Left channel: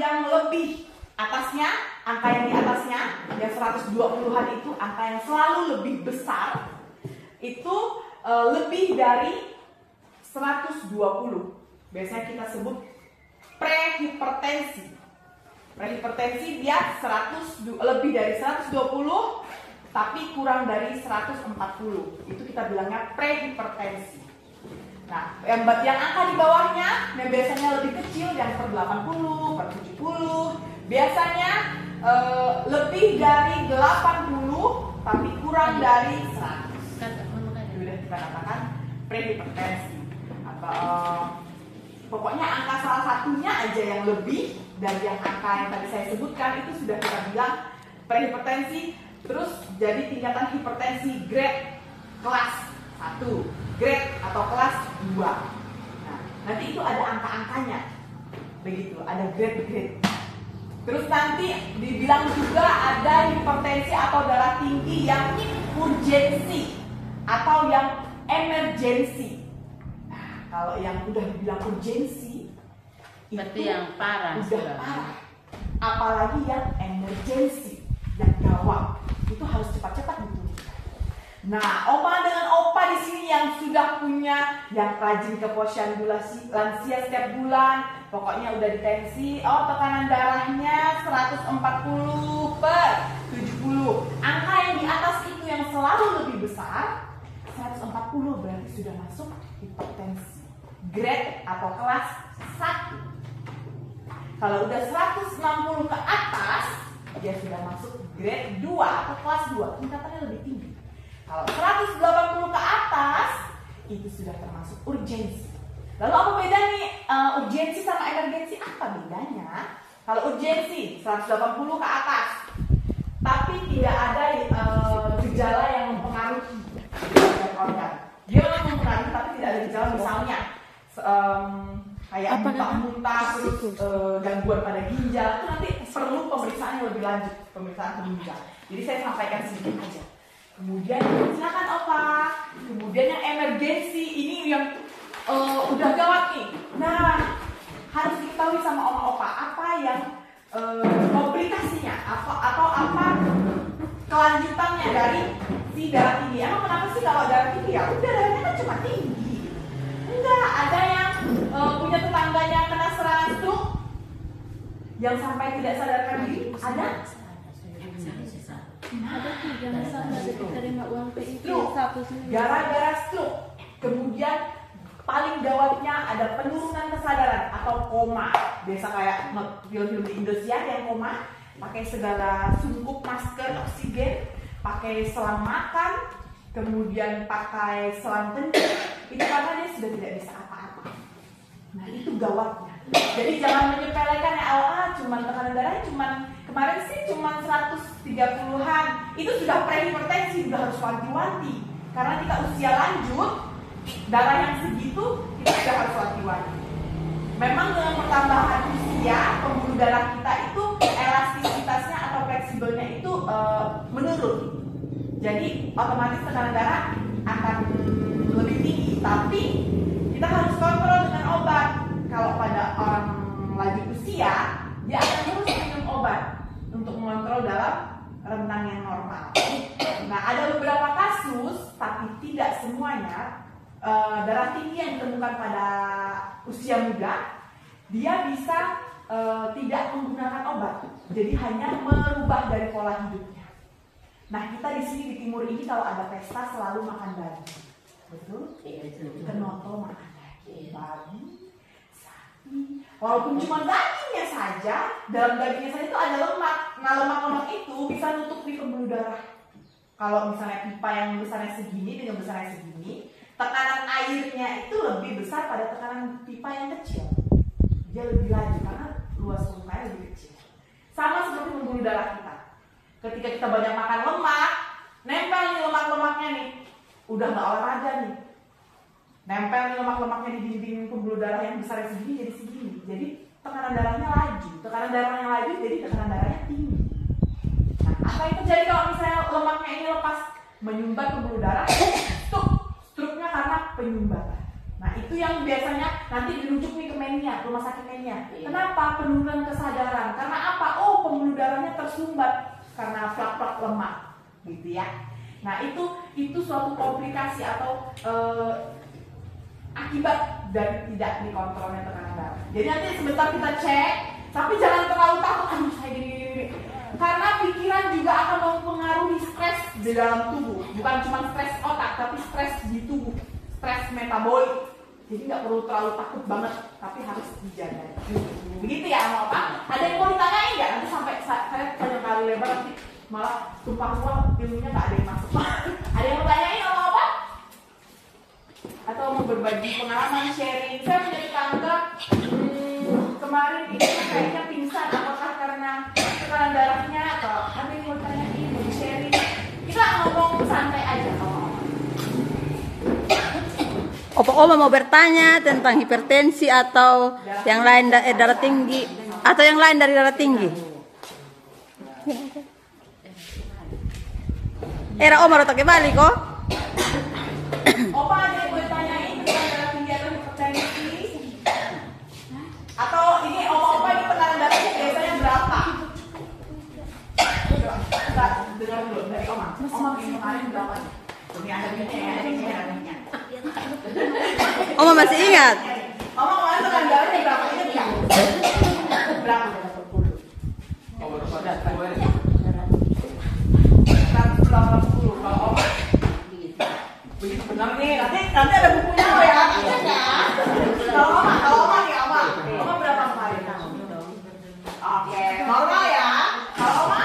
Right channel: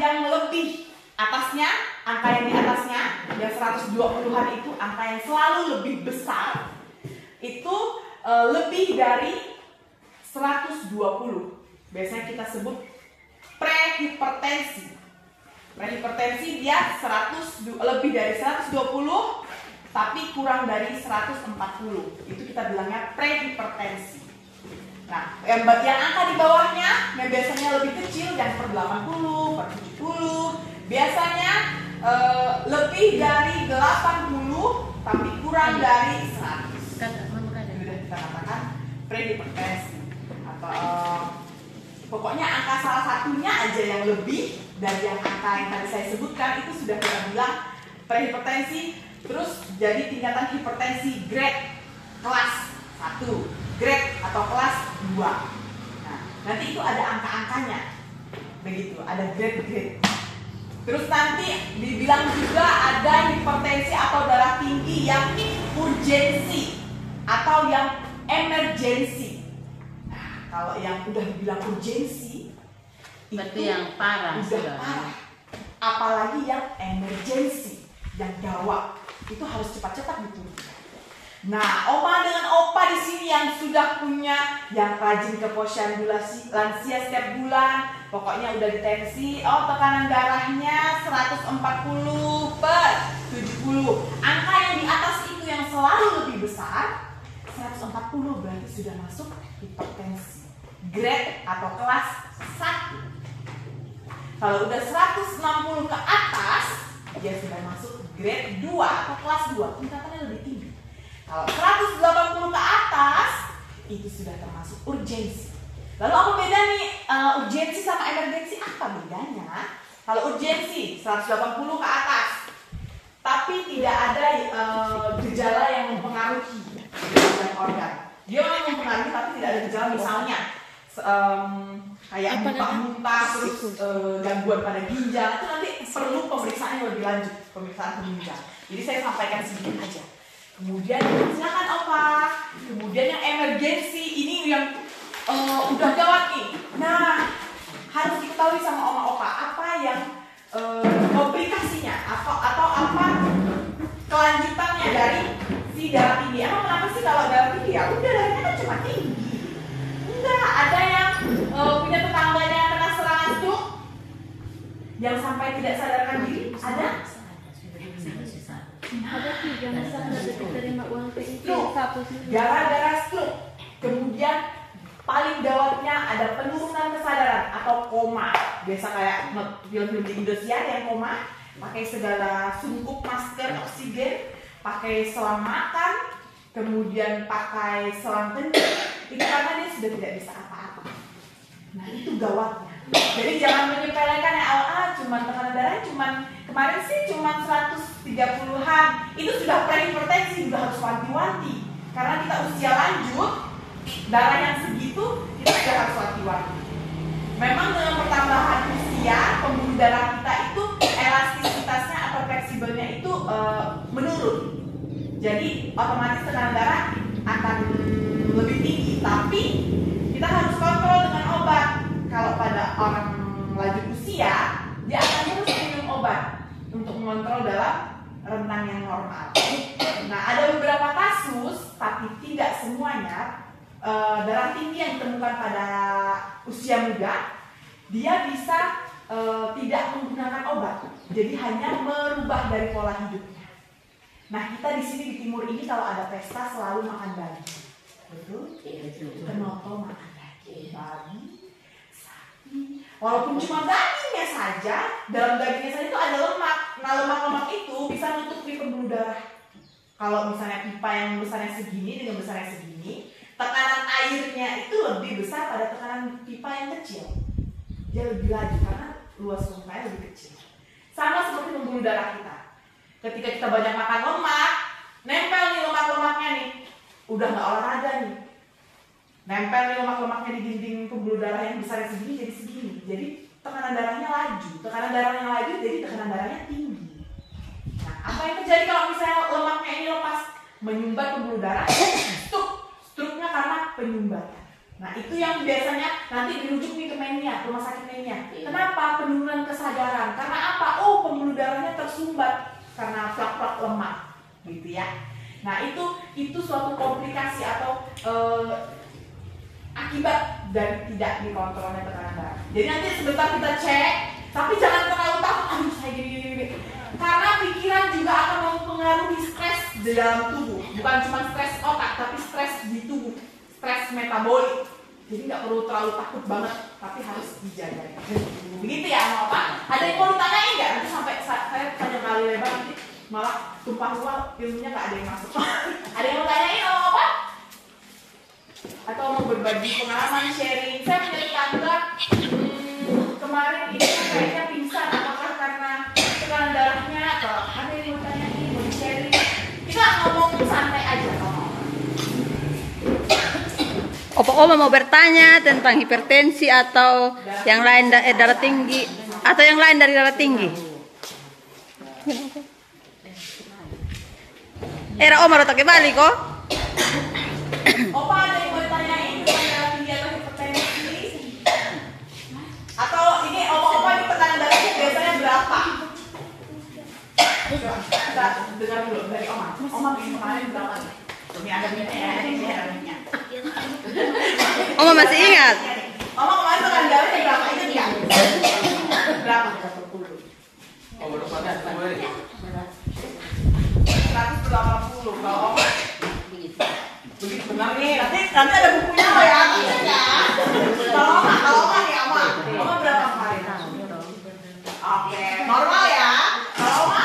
yang lebih atasnya, angka yang di atasnya, yang 120-an itu angka yang selalu lebih besar, itu lebih dari 120. Biasanya kita sebut prehipertensi. Prehipertensi dia lebih dari 120 tapi kurang dari 140. Itu kita bilangnya prehipertensi. Nah, yang angka di bawahnya yang biasanya lebih kecil, yang per 80, per 70, biasanya lebih dari 80 tapi kurang dari 100. Sudah kita katakan prehipertensi. Atau pokoknya angka salah satunya aja yang lebih dari yang angka yang tadi saya sebutkan itu sudah kita bilang prehipertensi. Terus jadi tingkatan hipertensi grade kelas 1, grade atau kelas 2. Nah, nanti itu ada angka-angkanya. Begitu, ada grade-grade. Terus nanti dibilang juga ada hipertensi atau darah tinggi yang urgensi atau yang emergensi. Nah, kalau yang udah dibilang urgensi itu yang parah, udah parah. Apalagi yang emergensi, yang gawat, itu harus cepat-cepat gitu. Nah, oma dengan opa di sini yang sudah punya, yang rajin ke posyandu lansia setiap bulan, pokoknya udah ditensi, tekanan darahnya 140/70. Angka yang di atas itu yang selalu lebih besar, 140 berarti sudah masuk hipertensi grade atau kelas 1. Kalau udah 160 ke atas, dia sudah masuk grade 2 atau kelas 2, tingkatannya lebih tinggi. Kalau 180 ke atas, itu sudah termasuk urgensi. Lalu apa beda nih urgensi sama emergensi? Apa bedanya? Kalau urgensi 180 ke atas, tapi tidak ada gejala yang mempengaruhi organ. Dia memang mempengaruhi tapi tidak ada gejala, misalnya kayak muntah-muntah, terus gangguan pada ginjal, itu nanti perlu pemeriksaan yang lebih lanjut, pemeriksaan ke ginjal. Jadi saya sampaikan sedikit aja. Kemudian silakan opa. Kemudian yang emergensi ini yang udah gawat nih. Nah, harus diketahui sama oma opa apa yang komplikasinya atau apa kelanjutannya dari si darah tinggi. Emang kenapa sih kalau darah tinggi ya udah darahnya kan cuma tinggi? Enggak, ada yang punya tetangganya kena serangan stroke yang sampai tidak sadarkan diri, ada? Ada 3 masalah dari terima uang PIP satu sendiri. Gara-gara stroke. Kemudian paling gawatnya ada penurunan kesadaran atau koma. Biasa kayak film-film di Indosiar yang koma, pakai segala sungkup masker oksigen, pakai selang makan, kemudian pakai selang kencing. Itu karena dia sudah tidak bisa apa-apa. Nah, itu gawatnya. Jadi jangan menyepelekan ya, cuman tekanan darahnya kemarin sih cuma 130-an. Itu sudah prehipertensi, sudah harus wanti-wanti. Karena kita usia lanjut, darah yang segitu kita sudah harus wanti-wanti. Memang dengan pertambahan usia, pembuluh darah kita itu elastisitasnya atau fleksibelnya itu menurun. Jadi otomatis tekanan darah akan lebih tinggi. Tapi kita harus kontrol dengan obat. Kalau pada orang lanjut usia, dia akan terus minum obat untuk mengontrol dalam rentang yang normal. Nah, ada beberapa kasus, tapi tidak semuanya, darah tinggi yang ditemukan pada usia muda, dia bisa tidak menggunakan obat, jadi hanya merubah dari pola hidupnya. Nah, kita di sini di timur ini kalau ada pesta selalu makan daging, betul? Kenapa makan daging? Babi, sapi, walaupun cuma dagingnya saja, dalam dagingnya saja itu ada lemak. Nah, lemak-lemak itu bisa nutupi pembuluh darah. Kalau misalnya pipa yang besarnya segini dengan besarnya segini, tekanan airnya itu lebih besar pada tekanan pipa yang kecil. Dia lebih laju karena luas pembuluhnya lebih kecil. Sama seperti pembuluh darah kita. Ketika kita banyak makan lemak, nempel nih lemak-lemaknya nih. Udah nggak olahraga nih. Nempel nih lemak-lemaknya di dinding pembuluh darah yang besarnya segini jadi segini. Jadi tekanan darahnya laju. Tekanan darahnya laju jadi tekanan darahnya tinggi. Nah, apa yang terjadi kalau misalnya lemaknya ini lepas? Menyumbat pembuluh darah, stroke. Stroke-nya karena penyumbatan. Nah itu yang biasanya nanti dirujuk nih ke Menia, rumah sakit Menia. Kenapa? Penurunan kesadaran. Karena apa? Oh, pembuluh darahnya tersumbat karena plak-plak lemak, gitu ya. Nah itu suatu komplikasi atau akibat dari tidak dikontrolnya tekanan darah. Jadi nanti sebentar kita cek, tapi jangan terlalu takut. Aduh saya gini. Karena pikiran juga akan mempengaruhi stres di dalam tubuh. Bukan cuma stres otak, tapi stres di tubuh, stres metabolik. Jadi nggak perlu terlalu takut banget, tapi harus dijaga. Begitu ya, mau apa? Ada yang mau ditanyain nggak? Nanti sampai saya tanya kali lebar nanti malah tumpah ruah ilmunya nggak ada yang masuk. Ada yang mau tanyain mau apa? Atau mau berbagi pengalaman, sharing? Saya punya tetangga kemarin ini kayaknya pingsan. Apakah karena tekanan darahnya atau ada yang mau tanyain, mau sharing? Kita ngomong santai aja kalau Oma mau bertanya tentang hipertensi atau yang lain darah tinggi atau yang lain dari darah tinggi. Era Oma rotok balik kok. Opa ada yang mau tanyain tentang darah tinggi atau hipertensi? Atau ini opa ini tekanan darahnya biasanya berapa? Kita dengar dulu dari Oma. Oma kemarin berapa nih? Ini ada minyak ya, ada minyak. Oma masih ingat? Oma kemarin tekanan darahnya berapa? Ingat nggak? Berapa? 180. Kalau Oma begitu benar nih. Nanti ada bukunya loh ya. Kalau Oma nih Oma berapa kemarin? Oke, normal ya. Kalau Oma?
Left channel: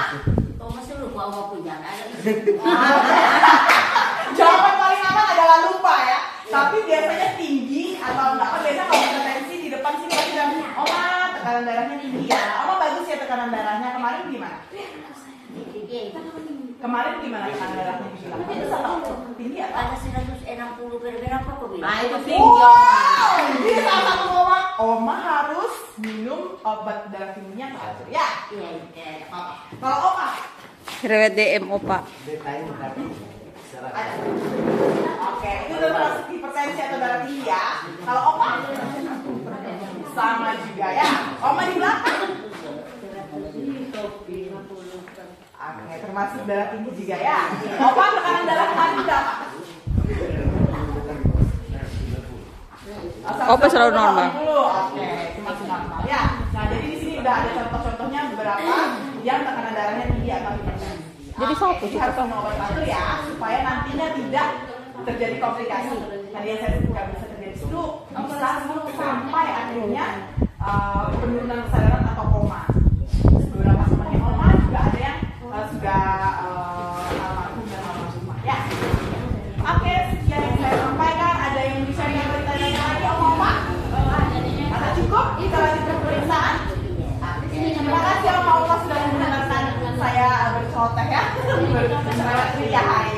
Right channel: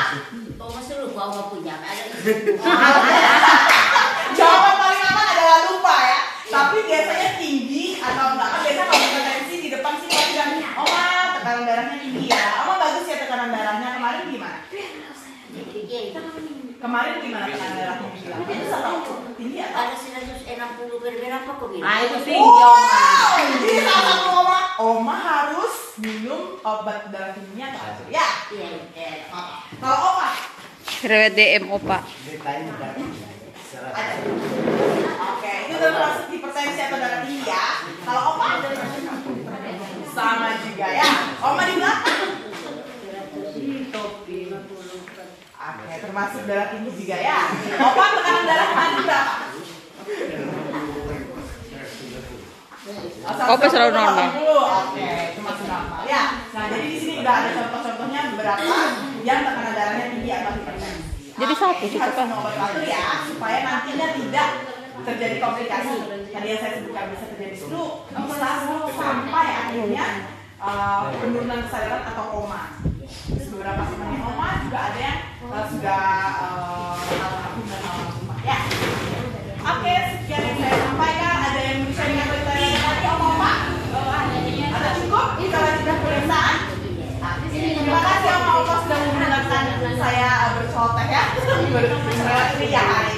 Oma sih lupa Oma punya. Jawaban paling aman adalah lupa ya. Tapi biasanya tinggi atau enggak kan biasanya kalau hipertensi di depan sini pasti bilang, Oma tekanan darahnya tinggi ya. Oma bagus ya tekanan darahnya. Kemarin gimana? Kemarin gimana tekanan darahnya dibilang? Bagus atau tinggi atau? Ada 160 berapa kok bilang? Nah itu tinggi Oma. Jadi salah satu Oma harus minum obat darah tingginya atau ya? Iya. Kalau Oma? Rewet DM Opa. Oke, itu termasuk hipertensi atau darah tinggi ya. Kalau Oma? Sama juga ya. Oma di belakang? Oke, termasuk darah tinggi juga ya. Opa tekanan darah tadi berapa? Opa selalu normal. Oke, itu masih normal ya. Nah, jadi di sini udah ada contoh-contohnya beberapa yang tekanan darahnya tinggi atau hipertensi. Jadi satu sih harus Opa. minum obat teratur ya, supaya nantinya tidak terjadi komplikasi. Tadi yang saya sebutkan bisa terjadi stroke, bisa sampai akhirnya penurunan kesadaran atau koma. Beberapa teman Oma juga ada yang sudah almarhum dan almarhumah ya. Oke, sekian yang saya sampaikan. Ada yang bisa bertanya lagi Oma? Ada cukup? Kalau sudah pemeriksaan? Terima kasih Oma sudah mendengarkan saya berceloteh ya. Melewati hari